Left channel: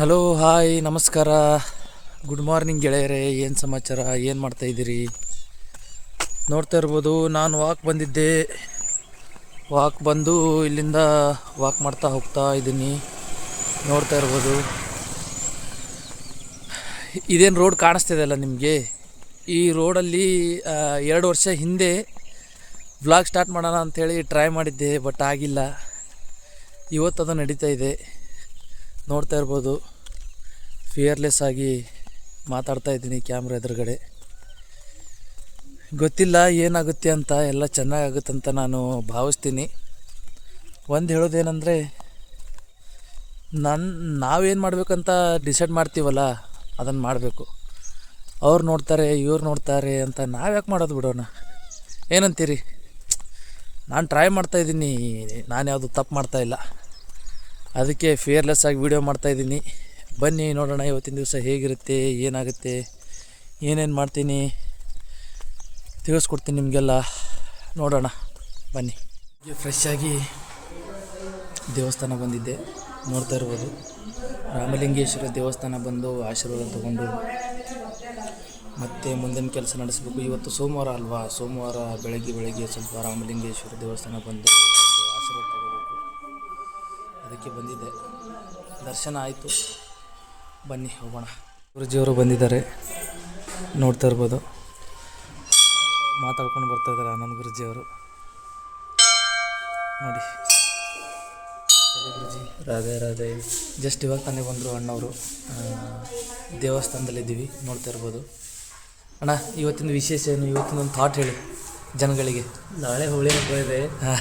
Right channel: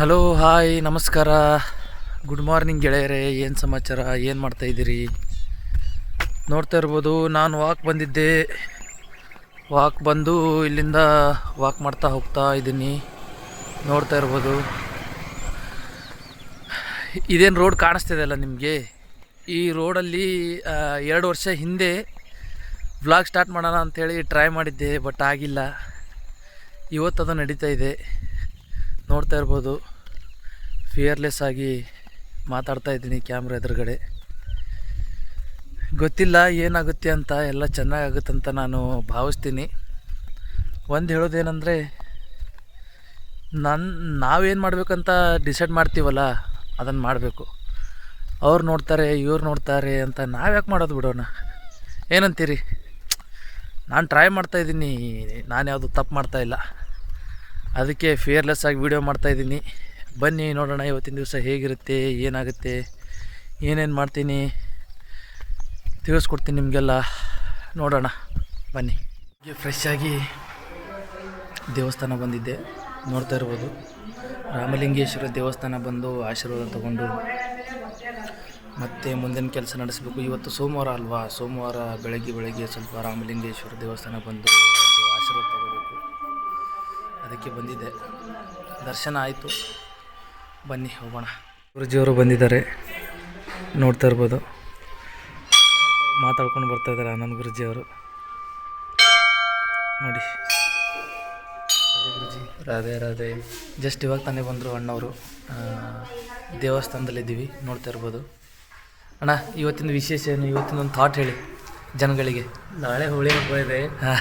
Hello hi ನಮಸ್ಕಾರ, good morning ಗೆಳೆಯರೇ. ಏನು ಸಮಾಚಾರ, ಏನು ಮಾಡ್ತಾಯಿದ್ದೀರಿ? ನೋಡ್ತಾ ಇರ್ಬೋದು, ನಾನು ವಾಕ್ ಬಂದಿದ್ದೆ. ವಾಕ್ ಬಂದು ಇಲ್ಲಿಂದ ವಾಕ್ ಮಾಡ್ತಾ ಹೋಗ್ತಾ ಇದ್ದೀನಿ. ನೋಡ್ತಾ ಇರ್ಬೋದು, ಇದೇನು ರೋಡ್ ಕಾಣಿಸ್ತಿದೆ ಅಲ್ಲ ನಿಮಗೆ. ಈ ರೋಡಲ್ಲಿ 2 ವರ್ಷ ಹಿಂದೆ ವ್ಲಾಗ್ ಸ್ಟಾರ್ಟ್ ಮಾಡೋಣ ಅಂಥೇಳಿ ಟ್ರೈ ಮಾಡಿದ್ದೆ, ಬಟ್ ಆಗಿಲ್ಲ. ಇವತ್ತು ಅದು ನಡೀತಾ ಇದೆ. ನೋಡ್ತಾ ಇರ್ಬೋದು, ಫಿಯರ್ಲೆಸ್ ಆಗಿ ಮಾತಾಡ್ತಾ ಇದ್ದೀನಿ ಕ್ಯಾಮ್ರಾ ಎದುರುಗಡೆ. ಗೊತ್ತಿಲ್ಲ ಏನಾಗುತ್ತೆ ಅಂತ, ಎಲ್ಲ ಚೆನ್ನಾಗಾಗುತ್ತಂತ ನಾನು ಭಾವಿಸ್ತೀನಿ. ಒಂದು ಹೇಳೋದೇನೆಂದರೆ, ನಾವೇನು ಮಾಡಬೇಕಂತ ಡಿಸೈಡ್ ಮಾಡ್ತೀವಲ್ಲ, ಅದನ್ನು ಮಾಡಬೇಕು. ಅವ್ರು ನೋಡ್ತಾರೆ, ಇವ್ರು ನೋಡ್ತಾರೆ ಅಂತ ನಾವ್ಯಾಕೆ ಮಾಡೋದು, ಬಿಡೋಣ. ಏನಂತೀರಿ? ನಾನು ಟ್ರೈ ಮಾಡ್ತಾಯಿದ್ದೀನಿ, ನಾನು ಯಾವುದು ತಪ್ಪು ಮಾಡ್ತಾಯಿಲ್ಲ. ಅದಕ್ಕೆ ಫಿಯರ್ಲೆಸ್ ಆಗಿ ವೀಡಿಯೋ ಮಾಡ್ತಾಯಿದ್ದೀನಿ. ಬನ್ನಿ ನೋಡೋಣ ಇವತ್ತಿನ ದಿವಸ ಹೇಗಿರುತ್ತೆ, ಏನಾಗುತ್ತೆ, ಏನೇನು ಮಾಡ್ತೀನಿ ತಿಳಿಸ್ಕೊಡ್ತೀನಿ ನಿಮಗೆಲ್ಲ. ನೋಡೋಣ ಬನ್ನಿ. ಫ್ರೆಶ್ ಆಗಿ ದೇವಸ್ಥಾನ ಬಂದಿದ್ದೆ. ನೋಡ್ತಾ ಇರ್ಬೋದು, ರಾಮಲಿಂಗೇಶ್ವರ ದೇವಸ್ಥಾನ ಬಂದು ಆಶೀರ್ವಾದ ತಗೊಂಡು ಮತ್ತೆ ಮುಂದಿನ ಕೆಲಸ ನಡೆಸಬೇಕು. ಇವತ್ತು ಸೋಮವಾರ ಅಲ್ವಾ, ಸೋಮವಾರ ಬೆಳಗ್ಗೆ ಸ್ವಲ್ಪ ರಾಮಲಿಂಗೇಶ್ವರ ದೇವಸ್ಥಾನ ಬಂದು ಆಶೀರ್ವಾದ ತಗೋಬೇಕು. ಅದಕ್ಕೆ ಬಂದಿದ್ದೆ. ದರ್ಶನ ಆಯಿತು, ಬನ್ನಿ ಹೋಗೋಣ. ಗುರುಜಿಯವರು ಬಂದಿದ್ದಾರೆ, ನೋಡ್ತಾ ಇರ್ಬೋದು. ಮಾತಾಡ್ಕೊಂಡು ಬರ್ತಾಯಿದ್ದಾರೆ ಆನಂದ್ ಗುರುಜಿಯವರು. ನೋಡಿ, ಗುರುಜಿ ರಾಧೆ ರಾಧೆ. ಜಸ್ಟ್ ಇವಾಗ ತಾನೇ ಬಂದರು ಅಣ್ಣವರು. ದೇವಸ್ಥಾನದಲ್ಲಿದ್ದೀವಿ, ನೋಡ್ತಾ ಇರ್ಬೋದು. ಅಣ್ಣ, ಇವತ್ತಿನ ವಿಶೇಷ ಏನು? ಇವತ್ತಿನೊಂದು ಥಾಟ್ ಹೇಳಿ ಜನಗಳಿಗೆ. ನಾಳೆ ಹೋಳಿ ಹಬ್ಬ ಇದೆ. ಹಾಂ,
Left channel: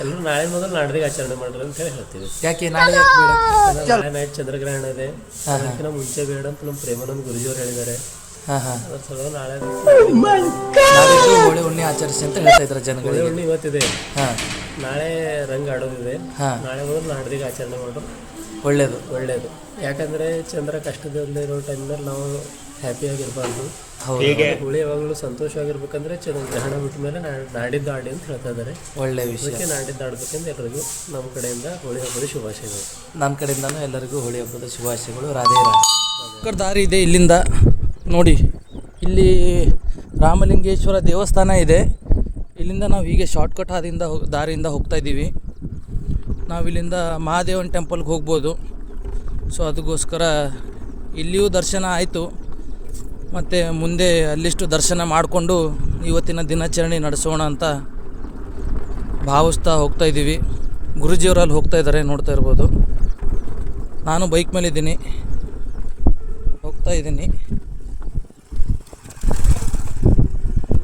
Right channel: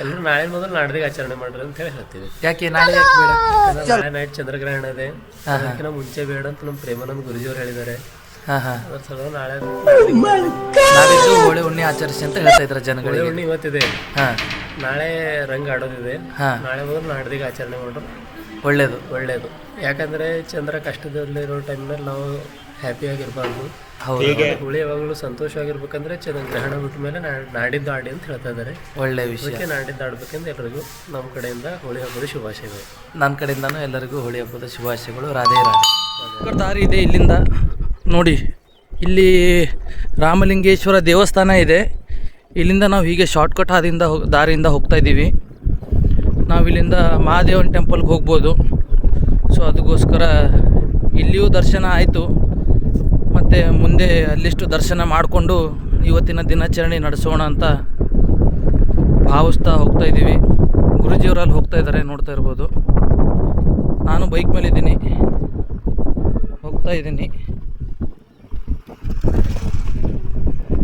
ಎಲ್ಲರೂ ನಾಳೆ ಮೊದಲು ನಾಡ್ದಿಗೆ ಆಚರಣೆ ಮಾಡ್ರಿ ಅಂತ ಹೇಳಿ ಹೇಳ್ತೀವಿ. ಯಾಕೆ ನಾಳೆ ಯಾಕೆ ಬೇಡ? ನಾಳೆ ನೈಟ್ ಚಂದ್ರಗ್ರಹಣ ಇದೆ, ಅದಕ್ಕಿಂತ ಮುಂಚೆ ಬೇಡ ಅಂತ ನಮ್ಮ ಪ್ರೇಮಾನಂದ ಗುರುಜಿಯವರು ಹೇಳಿದ್ದಾರೆ. ಅದ್ರ ಸಲುವಾಗಿ ನಾಳೆ ನಾಡಿದ್ದು ಹೋಳಿ ಹುಣ್ಣಿ ಆಚರಿಸಿ ಅಂತ ಹೇಳ್ತಾ ಇದ್ದಾರೆ ಜನಗಳಿಗೆ. ಹುಣ್ಣಿ ಇವತ್ತಿದೆ, ಹಾಂ, ನಾಳೆ ರಂಗ್ ಆಡೋದಿದೆ. ನಾಳೆ ಮೊದಲು ನಾಡ್ದಿಗೆ ಆಚರಣೆ ಮಾಡ್ರು ಒಳ್ಳೇದು. ಯಾಕಂದ್ರೆ ಚಂದ್ರ ಕಷ್ಟದಲ್ಲಿರೋ ಟೈಮ್ನಲ್ಲಿ ನಾವು ಹ್ಯಾಪಿಯಾಗಿರ್ಬಾರ್ದು. ಹುಳಿ ಯಾವಾಗಲೂ ಸಂತೋಷವಾಗಿರ್ಬೇಕಂದ್ರೆ ಗ್ರಹಣ ಬಿಟ್ಟ ಮೇಲೆ ನಾಡಿದ್ದು ಆಡಿ ಅಂತ ಹೇಳ್ತಾ ಇದ್ದಾರೆ. ಒಳ್ಳೆ ವಿಷಯ. ನಾಡಿದ್ದು ಆಡ್ಬೇಕಂತ ಎಲ್ಲರಿಗೂ ನಮ್ಮ ಕಡೆಯಿಂದ ಹೋಳಿ ಹಬ್ಬದ ಶುಭಾಶಯಗಳು. ನನ್ನ ಕಡೆಯಿಂದನೂ ಎಲ್ಲರಿಗೂ ಹೋಳಿ ಹಬ್ಬದ ಶುಭಾಶಯಗಳು. ರಾಧೆ ರಾಧೆ. ದಾರಿ ಇದೆ ಇಲ್ಲಿಂದ ನೋಡಿ. ಇಲ್ಲಿ ರಾಮಲಿಂಗೇಶ್ವರ ದೇವಸ್ಥಾನ ಇದೆ. ಇಲ್ಲಿಂದ ನಾವು ಹೀಗೆ ಶಾರ್ಟ್ಕಟ್ ದಾರಿಯಿಂದ ಹೋಗ್ತಾ ಇದ್ದೀವಿ. ನಾವು ಇಲ್ಲಿಂದ ಮಹಾದೇವನ ಟೆಂಪಲ್ಗೆ ಹೋಗ್ಬೋದು. ಸೊ ಅದಕ್ಕೋಸ್ಕರ ಇಲ್ಲಿಯೂ ದರ್ಶನ ಆಯಿತು. ಮತ್ತು ಮುಂದೆ ಅಲ್ಲಿಷ್ಟು ದರ್ಶನ ಮಾಡಿಕೊಂಡು ಇವತ್ತಿನ ದಿನಾಚರಣೆ ನಡೆಸೋಣ ಅಂತ ಭಾವಿಸ್ತಾ ಹೋಗ್ತಾಯಿದ್ದೀವಿ. ಗುರುಜಿಯವರಲ್ಲಿ ಹೋಗ್ತಾ ಇದ್ದಾರೆ, ನೋಡ್ತಾ ಇರ್ಬೋದು. ನಾನು ಬೈಕ್ ಮೇಲಿದ್ದೀನಿ, ಹೋಗ್ತಾ ಇದ್ದೀನಿ,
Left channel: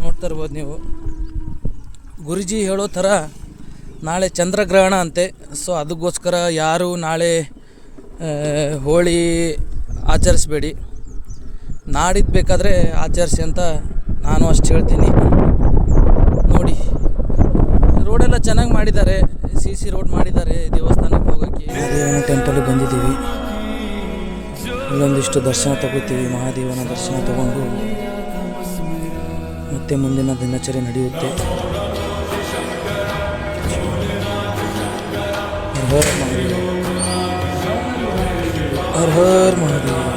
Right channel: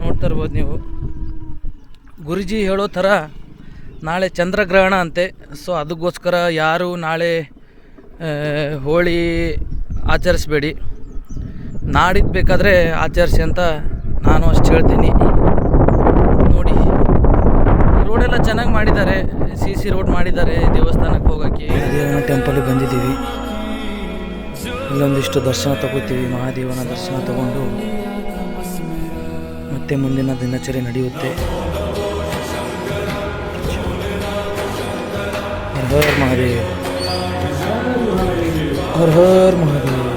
ನೋಡ್ತಾ ಇರ್ಬೋದು ನೀವು. ಗುರುಜಿ ಹೇಳೋ ಥರ ನಾಳೆ ಚಂದ್ರಗ್ರಹಣ ಅಂತೆ. ಸೊ ಅದಕ್ಕೋಸ್ಕರ ಯಾರು ನಾಳೆ ಹೋಳಿ ಆಚರಿಸ್ಬೇಡಿ, ನಾಡಿದ್ದು ಬೇಕಾದರೆ ಆಚರಿಸಿ ಅಂತ ನಾನು ಅಷ್ಟು ಹೇಳ್ತೀನಿ. ನೋಡಿ, ರೋಡೆಲ್ಲ ಚೆನ್ನಾಗಿ ಮಾಡಿದ್ದಾರೆ, CC ರೋಡ್ ಮಾಡಿದ್ದಾರೆ ದೇವಸ್ಥಾನಕ್ಕೆ ಹೋಗೋಕ್ಕೆ. ಮಹಾದೇವನ ಟೆಂಪಲ್ಗೆ ಬಂದಿದ್ದೀವಿ. ಇಲ್ಲೊಂದಿಷ್ಟು ದರ್ಶನ ತಗೋತೀವಿ. ಮಹಾದೇವನ ದರ್ಶನ ತಗೊಂಡು ಮತ್ತೆ ಮುಂದಿನ ದಿನಚರಿ ನಡೆಯುತ್ತೆ. ಹರ್ ಹರ್ ಮಹಾದೇವ್, ಹರ್ ಹರ್ ಮಹಾದೇವ್.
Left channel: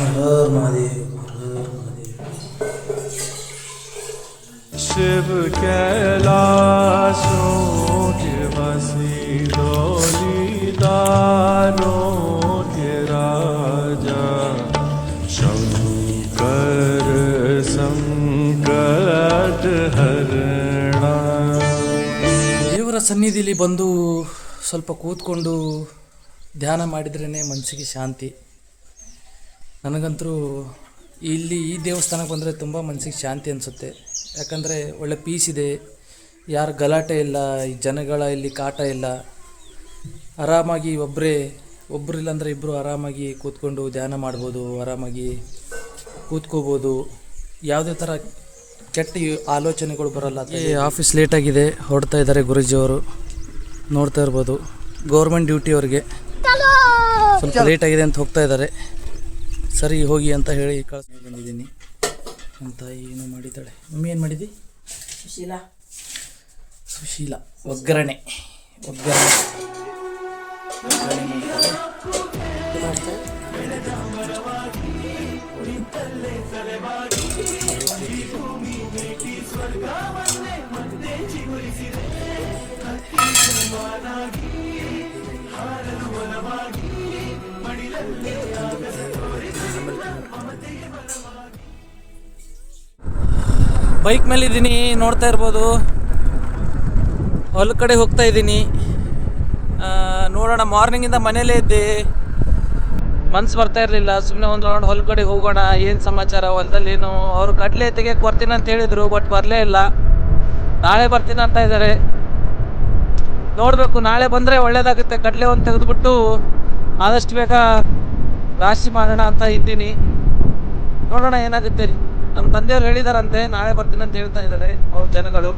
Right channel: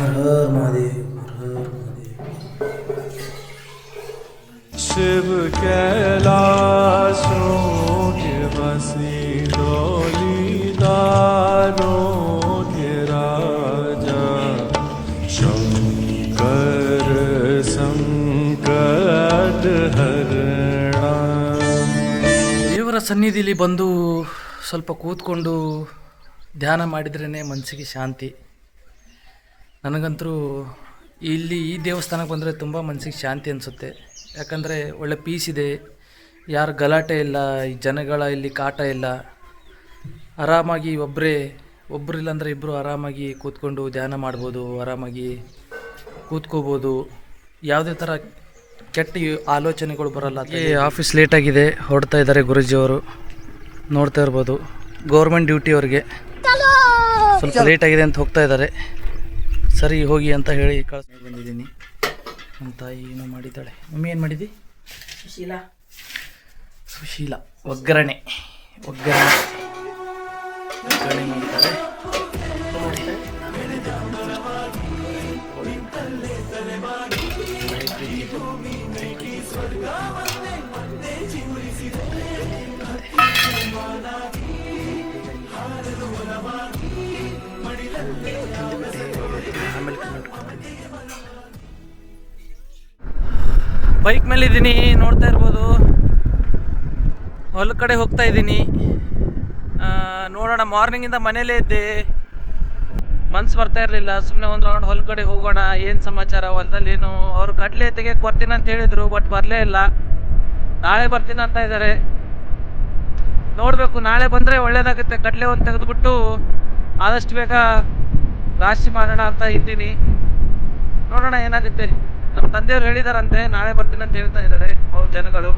हर हर महादेव, हर हर महादेव. शिव कैलाशों के वासी, डोली दानों के राजा, शंकर संकट हरणा. ದೇವರ ಸನ್ನಿಧಿಲಿ ಬಂದು ಸ್ವಲ್ಪ ಕೂತ್ಕೊಂಡು ಧ್ಯಾನ ಮಾಡಿದ್ರೇ ಮನಸ್ಸಿಗೆ ಶಾಂತಿ. ನನಗಂತೂ ಈ ದೇವಸ್ಥಾನಕ್ಕೆ ಬಂದರೆ ತುಂಬ ಮನಸ್ಸಿಗೆ ಶಾಂತಿ ಅನಿಸುತ್ತೆ. ಯಾಕಂದರೆ ಒಳ್ಳೆ ಪೀಸ್ ಇದೆ, ಯಾರು ಗಲಾಟೆ ಇಲ್ಲ, ಈ ಜನಗಳ ಇಲ್ಲಿ ಕಾಟ ಇಲ್ಲ. ಆರಾಮಾಗಿ ಒಬ್ಬರಿಲ್ಲಾಂದರೆ ಇಬ್ಬರು ಆರಾಮಾಗಿ ಕೂತ್ಕೊಂಡು ಧ್ಯಾನ ಮಾಡ್ಬೋದು, ಆರಾಮಾಗಿ ಕೂತ್ಕೋಬೋದು. ಯಾವುದೇ ಥರ ಕೆಟ್ಟ ಆಲೋಚನೆಗಳು ಬರಲ್ಲ. ಆಫೀಸ್ ಲೇಟಾಗಿದೆ, ಹೊರಡ್ತಾ ಇದ್ದಾರೆ ಗುರುಜಿಯವರು, ನೋಡ್ತಾ ಇರ್ಬೋದು. ಗೌರ್ಮೆಂಟ್ ಡ್ಯೂಟಿ ಅವ್ರಿಗೆ ಸ್ವಲ್ಪ ಲೇಟಾಗಿದೆ ಅಂತ ಹೋಗ್ತಾ ಇದ್ದಾರೆ. ಸರಿ ಹೋಗಿ ಅಂತ ಹೇಳಿ ಬಂದಿದ್ದೀನಿ. ನಮ್ಮ ತಾಯಿ ಏನೋ ಮಾಡಿದ್ದಾಳೆ. ಮಮ್ಮಿ ಏನು ಮಾಡಿದ್ದಿ? ಸುಶೀಲ ಒಗ್ಗರಣೆ ಮಾಡಿದ್ದಾಳೆ. ನೋಡಿ ಏನಿದೆ ಬೈಕ್ ಮೇಲೆ ಇದ್ದೀನಿ, ನೋಡ್ತಾ ಇರ್ಬೋದು. ಹೊಲ ಕಡೆ ಹೋಗ್ತಾ ಇದ್ದೀನಿ. ನೋಡೋಣ, ಮಾರ್ನಿಂಗಿಂದ ಮನೇಲೇ ಇದ್ದೆ, ಮನ್ಸು ಬರ್ತಾ ಇರಲಿಲ್ಲ. ಸುಮ್ಮನೆ ಒಂದು ರೌಂಡ್ ಹೊಲ ಕಡೆ ಹೋಗೋಣ, ಏನು ಸಮಾಚಾರ ಹೊಲದಲ್ಲಿ ಏನು. ಅವರು ಕಡಲೆ ತೆಗಿಯಕ್ಕೆ ಬರ್ತೀನಿ ಅಂತ ಹೇಳಿದರು, ಬಟ್ ಬರಲೇ ಇಲ್ಲ. ನಾಳೆ ಬರ್ತೀನಿ ಅಂತ ಇದ್ದಾರೆ. ನೋಡಬೇಕು, ನಾಳೆ ಬಂದರೆ ಒಳ್ಳೇದಾಗುತ್ತೆ. ಕಡಲೆ ಒಂದು ತೆಗೆದುಬಿಟ್ಟು ಆದಷ್ಟು ಬೇಗ ರಾಶಿ ಮಾಡೋಣ ಅಂತ ಇದ್ದೀನಿ. ನೋಡೋಣ ಏನಾಗುತ್ತೆ. ನಮ್ಮ ತಂದೆಯವ್ರು ಹೇಳಿದಾರಂತೆ ನಾಳೆ ಬರ್ತೀನಿ ಅಂತ ಹೇಳ್ತಾ ಇದ್ದಾರೆ ಅವ್ರ ಜನಗಳು.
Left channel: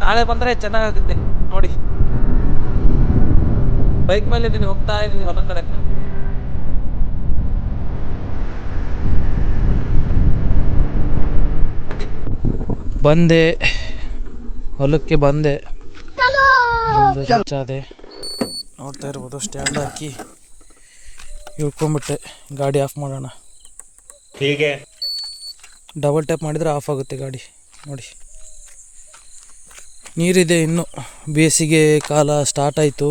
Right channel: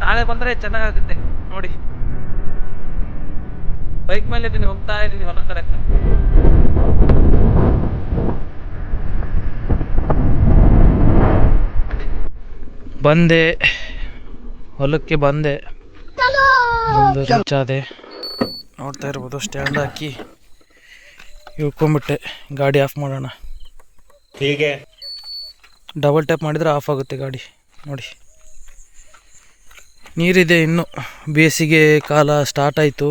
ನಾಳೆ ಬಂದರೆ ಚೆನ್ನಾಗಾಗುತ್ತೆ. ನೋಡಿ, ಬೈಕ್ ಮೇಲೆ ಇದ್ದೀನಿ, ಹೋಗ್ತಾ ಇದ್ದೀನಿ ಹೊಲ ಕಡೆ. ಬಂದೆ, ಹೊಲಕ್ಕೆ ಬಂದೆ, ಅದೇ ನೋಡ್ತಾ ಇರ್ಬೋದು. ಸ್ಟ್ಯಾಂಡ್ ಹಾಕಿ ಇಳ್ಕೊಂಬಿಟ್ಟೆ. ಗಾಡಿ ಆಫ್ ಮಾಡೋಣ. ಹೀಗೆ ಡಬಲ್ ಟ್ಯಾಪ್ ಮಾಡಿದರೆ ಆಫ್ ಆಗುತ್ತೆ ಗಾಡಿ. ನೋಡಿ, ನೀರಿದೆ ಇನ್ನು. ಬೇಸಿಗೆ ಕಾಲ ಸ್ಟಾರ್ಟ್ ಆಯಿತು,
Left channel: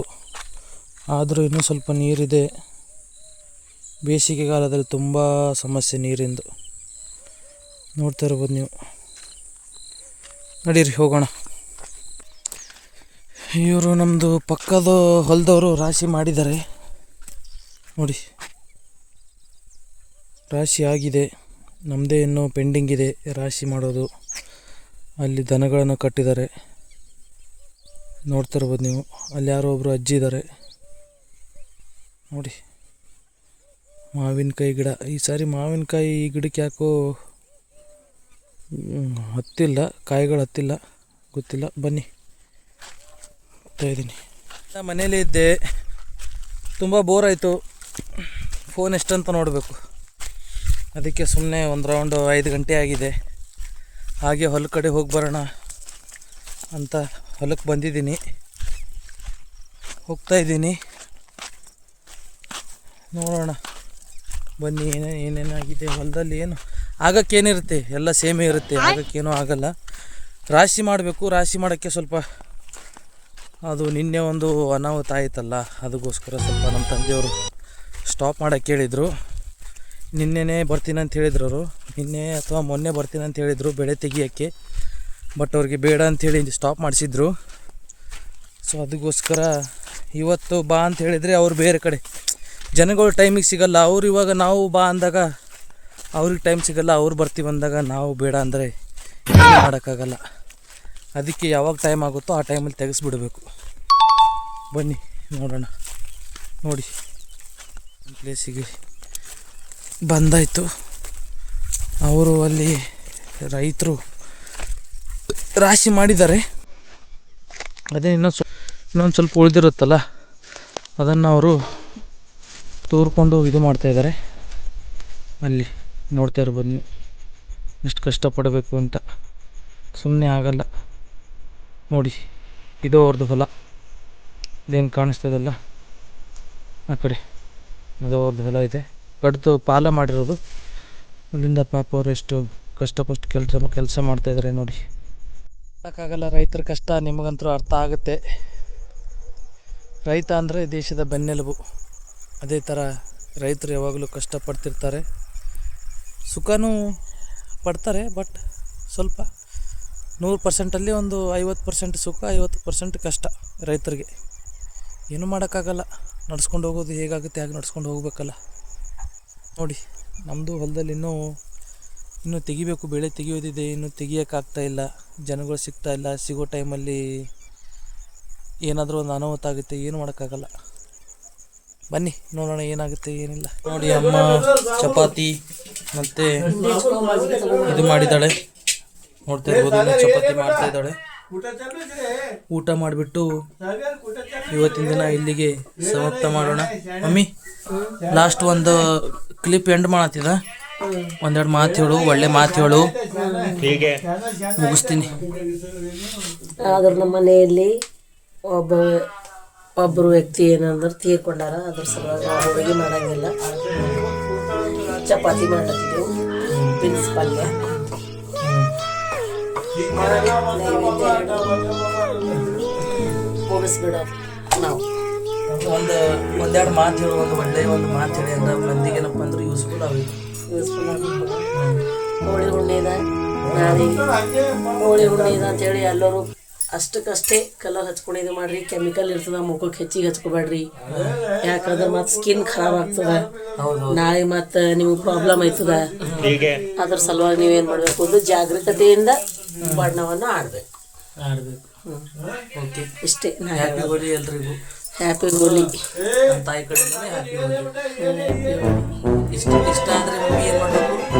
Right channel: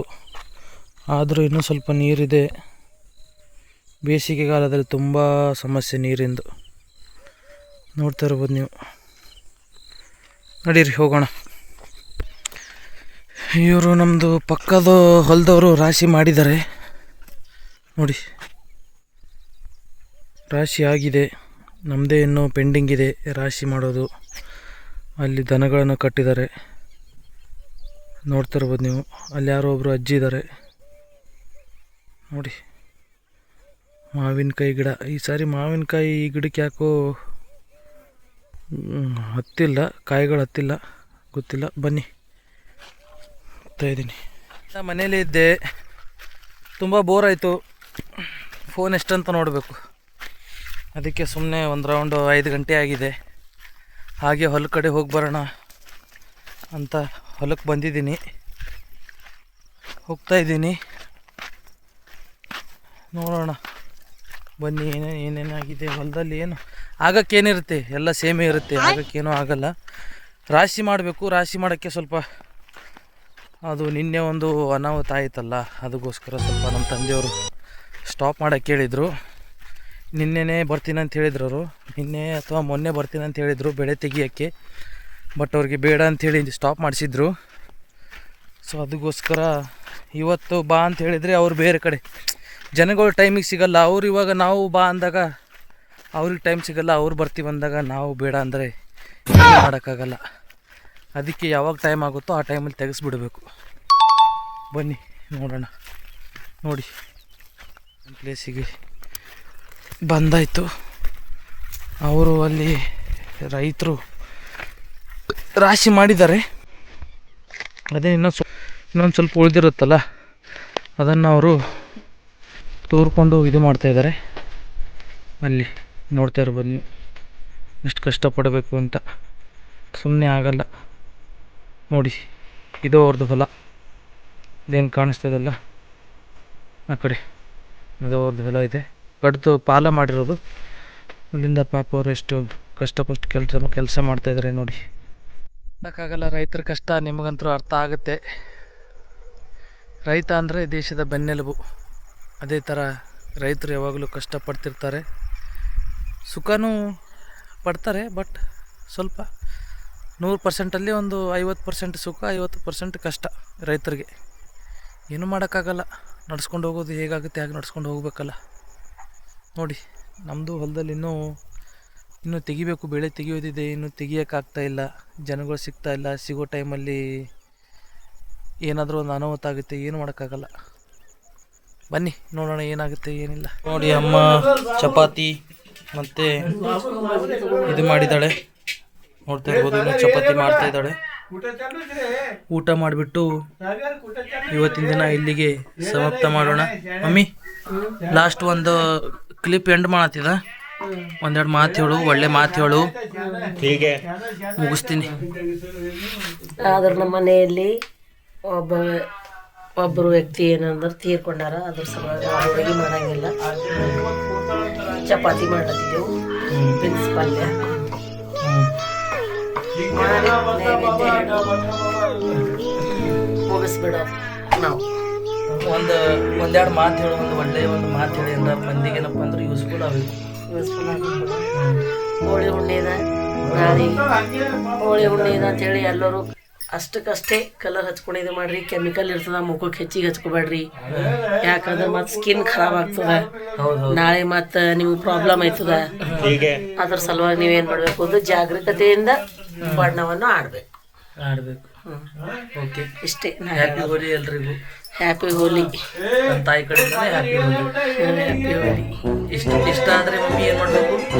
ಆದರೂ ಇನ್ನೂ ಸ್ವಲ್ಪ ನೀರಿದೆ. ಬೇಸಿಗೆ ಕಾಲದಲ್ಲಿ ತುಂಬ ಸಮಸ್ಯೆ ನೀರಿಂದು. ನೋಡ್ತಾ ಇರ್ಬೋದು ನೀವು. ನಡೀರಿ ಹೋಗೋಣ. ಇವರು ನಮ್ಮದು ಪಕ್ಕದ ಹೊಲದವರು ರಾಶಿ ಮಾಡಿದ್ದಾರೆ ನೋಡಿ. ರಾಶಿ ಆಗಿದೆ, ನಮ್ಮದೇ ಇನ್ನೂ ಪೆಂಡಿಂಗ್ ಇದೆ ರಾಶಿ ಮಾಡೋದು. ಅಲ್ಲಿ ದನಗಳನ್ನು ಕಟ್ಟಿದ್ದಾರೆ, ನೋಡ್ತಾ ಇರ್ಬೋದು ನೀವು. ಅಲ್ಲಿ ಯಾರೋ ಒಬ್ಬರು ಅಜ್ಜಿ ಇದ್ದಾರೆ ನೋಡಿ. ಮಾವಿನಕಾಯಿ ಗಿಡ, ಈ ಸಾರಿ ಮಾವಿನಕಾಯಿ ಈ ಗಿಡಕ್ಕೆ ಯಾಕೋ ಹತ್ತಿಲ್ಲ, ಕಾಯಿಗಳು ಹತ್ತಿಲ್ಲ, ಗೊತ್ತಿಲ್ಲ. ಬನ್ನಿ, ಹೋಗ್ತಾ ಇದ್ದೀನಿ. ಮನೇಲೇ ಇದ್ದೆ, ತುಂಬ ಬೋರ್ ಆಯಿತು. ಫೋನ್ ಎಷ್ಟಂತ ನೋಡಬೇಕು, ಅದಕ್ಕೆ ಸುಮ್ಮನೆ ಒಂದು ರೌಂಡು 5 ಗಂಟೆ ಆಗಿದೆ. ಹಾಗೆ ಹೊಲ ಕಡೆ ಹೋಗಿ ಬರೋಣ ಅಂತ ಹೊಲಕ್ಕೆ ಬಂದಿದ್ದೀನಿ, ಹೋಗ್ತಾ ಇದ್ದೀನಿ. ನೋಡೋಣ ಬನ್ನಿ ಏನೇನಾಗಿದೆ ಹೊಲದಲ್ಲಿ. ಏನು ಆಗಕ್ಕೇನಿರುತ್ತೆ, ಎಲ್ಲ ಸೇಮೇ ಇರುತ್ತೆ, ಆಗಕ್ಕೇನೂ ಆಗಲ್ಲ. ರಾಶಿ ಮಾಡಬೇಕು. ರಾಶಿ ಮಾಡೋಕ್ಕೆ ಸ್ವಲ್ಪ ಅದು ನಿನ್ನೆ ಒಂದು ಅನಾಹುತ ಆಯಿತಲ್ಲ, ಅದಕ್ಕೋಸ್ಕರ ಸ್ವಲ್ಪ ನಮ್ಮ ತಂದೆಯವರು ಸ್ಟಾಪ್ ಮಾಡೋಕ್ಕೆ ಹೇಳಿದರು. ನಿನ್ನೆನೇ ಬರ್ತೀನಿ ಅಂತ ಹೇಳಿದ್ರು ಅವರು, ನಿನ್ನೆ ಅಥವಾ ಮೊನ್ನೆ ಬರ್ತೀನಿ ಅಂತ ಹೇಳಿದರು ಬೆಳೆ ತೆಗಿಯೋಕ್ಕೆ. ಬಟ್ ಅವ್ರಿಗೆ ಬೇಡ ಅಂಥೇಳಿ ಸ್ಟಾಪ್ ಮಾಡಿಸಿದ್ರು. ಸೊ ಅದಕ್ಕೋಸ್ಕರ ಇವತ್ತು ಬಾ ಅಂತ ಹೇಳಿದರೆ ಅವ್ರು ಬೇರೆ ಕಡೆ ಜನಗಳು ಟೈಮಿಗೆ ಸಿಗಲ್ಲ. ಅವ್ರು ಇವಾಗ ನಾವು ಬಾ ಅಂದಾಗ ಅವ್ರಿಗೆ ಟೈಮ್ ಸಿಗಲ್ಲ, ಅವ್ರು ಬರ್ತೀವಿ ಅಂದಾಗ ನಾವು ಬೇಡ ಅಂದರೆ ಏನು ಮಾಡೋಕ್ಕಾಗಲ್ಲ. ಅದಕ್ಕೆ ಯಾವಾಗ ಟೈಮ್ ಆಗುತ್ತೋ ಆ ಟೈಮಲ್ಲಿ ತೆಗೆಸ್ಬಿಡಬೇಕು. ಬನ್ನಿ ನೋಡೋಣ. ನೋಡಿ, ಪ್ಲೇಸಿಗೆ ಬಂದಾಯಿತು. ಅವರು ಅಲ್ಲಿ ರೈತರು ರಾಶಿ ಮಾಡಿದ್ದಾರೆ. ಅದೇ ಇನ್ನೊಂದು ಸ್ವಲ್ಪ ಉಳಿದಿರುತ್ತಲ್ಲ, ಅದನ್ನು ಅವರು ತೂರ್ಕೊಂಡು ಇದು ಮಾಡ್ತಾಯಿದ್ದಾರೆ. ಅಲ್ಲಿ ನೋಡ್ತಾ ಇರ್ಬೋದು ನೀವು, ಎಷ್ಟು ಕಷ್ಟಪಡಬೇಕು ಅಂತ. ಸುಮ್ಮನೆ ಆಗಲ್ಲ. ನೋಡಿ, ಇದು ಅವ್ರದ್ದು ಹೊಲ. ಇದೇನು ಕಾಣಿಸ್ತದಲ್ಲ ಆ ಕಡೆ, ಅದು ಅವ್ರದ್ದು ಹೊಲ ಇದೆ. ಕಡ್ದು ಪಾಲ ಮಾಡಿರೋದು. ಅಲ್ಲಿಂದ ಪಾಪ ಅವರು ಎಷ್ಟು ಕಷ್ಟಪಟ್ಟು ಕೆಲಸ ಮಾಡ್ತಾಯಿದ್ದಾರೆ ನೋಡಿ. ಮಾಡೋಕ್ಕಾಗಲ್ಲ, ರೈತರ ಕಷ್ಟ ನಿಮಗಂತೂ ಅರ್ಥ ಆಗುತ್ತೆ. ರೈತ ಅಂದರೆ ದೇಶದ ಬೆನ್ನೆಲುಬು. ಅದೇ ಥರ ರೈತರು ಯಾವಾಗಲೂ ಕಷ್ಟಪಡ್ತಿರ್ತಾರೆ, ಸುಖನೂ ಪಡ್ತಾರೆ. ಬಟ್ ಸ್ವಲ್ಪ 100%ಅಲ್ಲಿ ಒಂದು 50% ಸುಖ, 50% ಕಷ್ಟ ರೈತರಿಗೆ. ಏನೂ ಮಾಡೋಕ್ಕಾಗಲ್ಲ, ನಡ್ಸ್ಕೊಂಡು ಹೋಗೋದು ಹೇಗಾಗುತ್ತೆ ಹಾಗೆ ನಡ್ಸ್ಕೊಂಡು ಹೋಗಬೇಕಲ್ಲ. ನೋಡಿ, ನಮ್ಮದು ಹೊಲದಲ್ಲಿ ಇನ್ನೂ ತೆಗಿಬೇಕು, ಬೆಳೆ ತೆಗಿಯೋದಿದೆ, ಇನ್ನೂ ತೆಗಿಯೋಕ್ಕಾಗ್ತಾಯಿಲ್ಲ. ಜನಗಳು ಸಿಗ್ತಾಯಿಲ್ಲ. ಸಿಗೋ ಟೈಮಲ್ಲಿ ಏನಾದರೂ ಒಂದು ಅನಾಹುತ ಆಗುತ್ತೆ, ಏನು ಮಾಡೋಕ್ಕಾಗಲ್ಲ. ಬನ್ನಿ ನೋಡೋಣ ಏನಾಗುತ್ತೆ ಏನಿಲ್ಲ. ನೋಡಿ, ಅಮ್ಮ ಚಪಾತಿ ಮತ್ತು ಇದು ಮಾಡಿದ್ದಾಳೆ. ನೋಡ್ತಾ ಇರ್ಬೋದು, ಚಪಾತಿ ಮಾಡ್ತಾ ಇದ್ದಾಳೆ. ಊಟ ಮಾಡಿಬಿಟ್ಟು ಇವತ್ತಿನ ದಿನ ಇಲ್ಲಿಗೆ ಸಮಾಪ್ತ ಮಾಡೋಣ. ಮಮ್ಮಿ ಲಾಸ್ಟ್ ಒಂದು ಕ್ಲಿಪ್ ಎಂಡ್ ಮಾಡತ್ತಿದ. ಒಂದೆರಡು ಮಾತು ಹೇಳು, ಒಳ್ಳೆ ಮಾತು ಹೇಳು, ಮುಗಿಸ್ತೀನಿ. ಆದ್ರೆ ನಮ್ಮ ಮನೆಯಲ್ಲಿ ಒಬ್ಬರು ವ್ಯಕ್ತಿ ಏನಂದ್ರೆ ತೀರ್ಕೊಂಡಾರ. ಅದ್ರ ಸಲುವಾಗಿ ನಾವು ಅಡುಗೆ ಮಾಡಂಗಿಲ್ಲ, ಚಪಾತಿ ಮಾಡತ್ತಿದ್ದೆವು, ಬೀನ್ಸ್ ಪಲ್ಯ ಮಾಡಿ ನೈವೇದ್ಯ ಮುಗಿಸ್ಬಿಡ. ನಾವು ಒಂದೆರಡು ಮಾತು ಹೇಳು, ಒಂದು ಮಾತು ಹೇಳಿ ಅಂದ್ರೆ ಮಂದಿಗೆ ಏನಪ್ಪ ಅಂದ್ರೆ ಯೂಸ್ಫುಲ್ ಆಗಬೇಕು. ಹೋಳಿ ಹುಣ್ಣಿದ ನಾಳೆ ಹೋಳಿ ಹುಣ್ಣಿದ ಅಂತೇಳಿ ಎಲ್ಲರೂ ಅಷ್ಟಕ್ಕಷ್ಟೇ ಕಲರ್ ಹಚ್ಕೊಂಡು ಇದು ಮಾಡ್ರಿ. ಕೆಮಿಕಲ್ ಇರ್ತದ, ಮುಖಕ್ಕೆ ಹೆಚ್ಚಿಗೆ ಹಚ್ಕೊಬೇಡ್ರಿ. ಯಾಕಂದ್ರೆ ಮತ್ತೆ ಸ್ಕಿನ್ ಖರಾಬ್ ಆಗ್ತದ, ನಾಳೆ ಮತ್ತೆ ನಿಮ್ಗೆ ಪ್ರಾಬ್ಲಮ್ ಆಯ್ತದ. ಅದ್ರ ಸಲುವಾಗಿ ನೀವೇನು ಮಾಡಬೇಕು ಅಂದ್ರೆ ಜಾಗರೂಕತೆಯಿಂದ ಬಣ್ಣವನ್ನು ಆಡಬೇಕು. ಓಕೆ, ಇಷ್ಟೇ. ಹ್ಯಾಪಿ ಹೋಲಿ ಎಲ್ರಿಗೂ. ಹ್ಯಾಪಿ ಹೋಲಿ. ನಮ್ಮ ತಾಯಿ ಕಡೆಯಿಂದ ಹ್ಯಾಪಿ ಹೋಲಿ. ಹ್ಯಾಪಿ ಹೋಲಿ. ಇಷ್ಟ ಆದರೆ ಮಮ್ಮಿ ಏನು ಮಾಡಬೇಕು?